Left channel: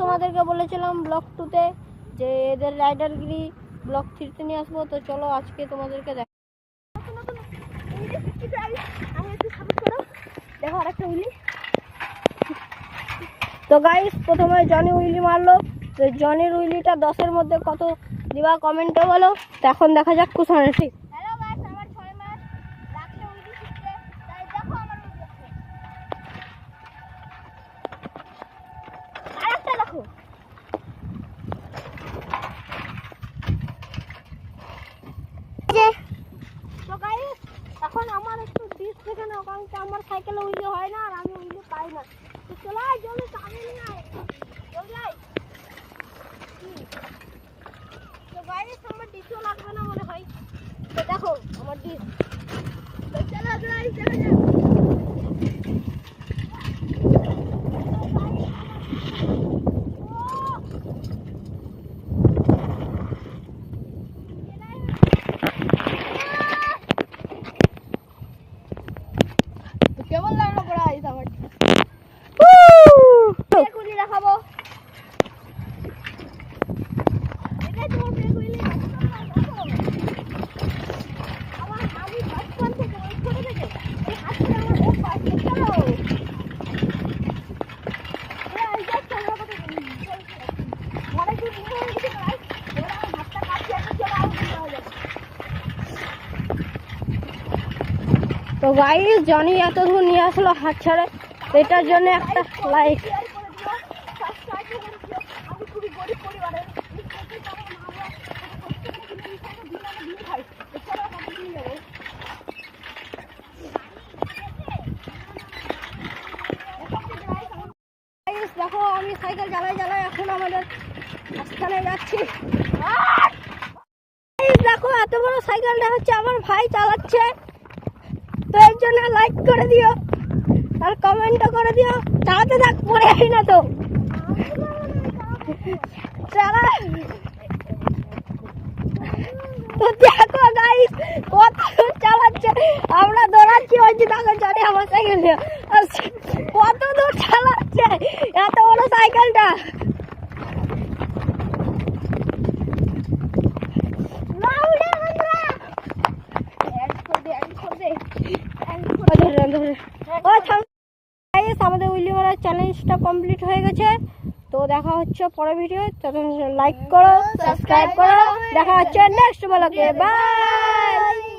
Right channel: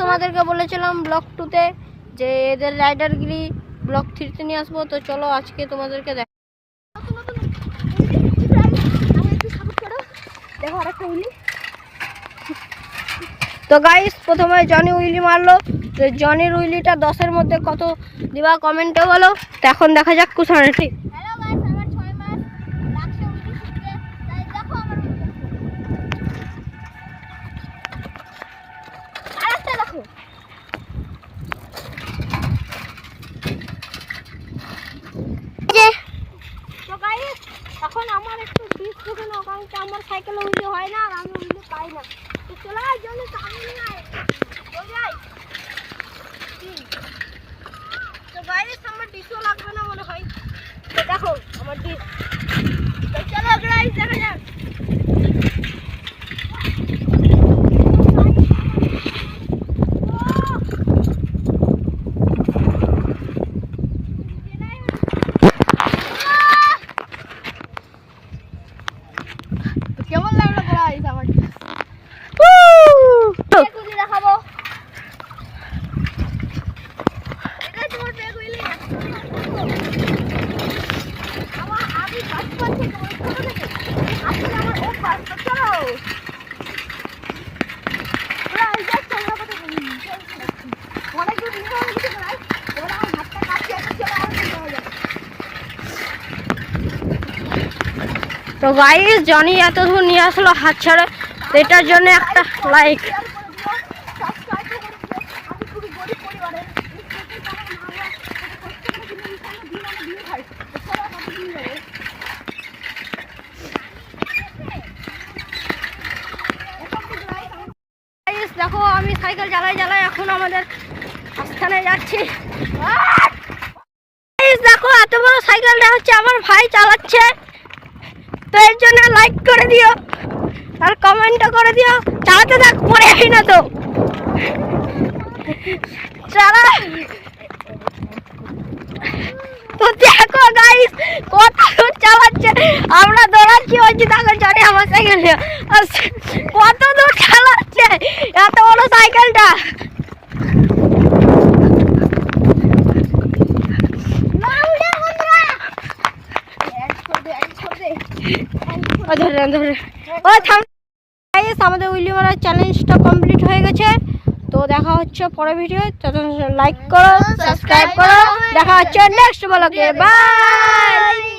তোমাদেরকে বলেছিলাম ব্লগ 2-তে যে এদের রাইডারগিরি ব্লগ 3-তে নিয়ে আসবো। তো চলো আজকে তোমাদেরকে দেখো আরেকটা উইলি। তো গাইস প্রথমে জনি উইলি মারলো। তো জনির উইলিটা 10-এর মধ্যে কত দিবা কমেন্টে বলো। তো এখন দেখা যাক কুসানে ঠিক। এখন আমার একটু বিষ থেকে না, কারণ আমার সাইকেলে উইলি হয় না আর আমি উইলি পাই না। তো চলো জলদি সামনে নিয়ে আয়, জলদি আয়। তো গাইস আমার ডিশও লাগবে না মনে হয়। তো দেখো আমার ডিশ। তো চলো গাইস দেখা যাক। কেমন লাগলো গাইস আমার? বেগুনি দেখাবো। এটা তোমার বেগুনি। আমার আগে বাচ্চা থেকে ওই ছোট থেকে এই হাতটা আমার অভ্যাস। তো চলো গাইস দেখো আমরা কত অনেক দূর নিয়ে হয়ে গেছে গাইস। এবার আমার হাতটা কাটছে, একটা চলে আর কি হয়ে যাবে। তো গাইস জনি এত দূর নিয়ে আসলো হাত ছাড়া, এটার জন্য একটা লাইক। দেখো আমি সাইকেল চালাই এখন আমাদের স্থানে যাচ্ছি। দেখো এত বড় সাইকেলটা হচ্ছে আমার ভাই চালাচ্ছে। তো এর জন্য লাইক করে দিও আর কমেন্টও করে দিও। চালাতে থাক, পরে আসি না তো চালা। তো দেখো গাইস কত দূর চালাচ্ছে, আমরা দৌড়াচ্ছি বলছি দেখো জনি আমার সাইকেল নিয়ে কত দূর চালাচ্ছে এত বড় সাইকেলটা। আমাদের উইলি মারার চ্যালেঞ্জটা কমপ্লিট হয়ে গেছে। তো দেখা হচ্ছে পরের ভিডিও। লাইক করো, সাবস্ক্রাইব করো। দেখা হচ্ছে নেক্সট ব্লগে। বাই।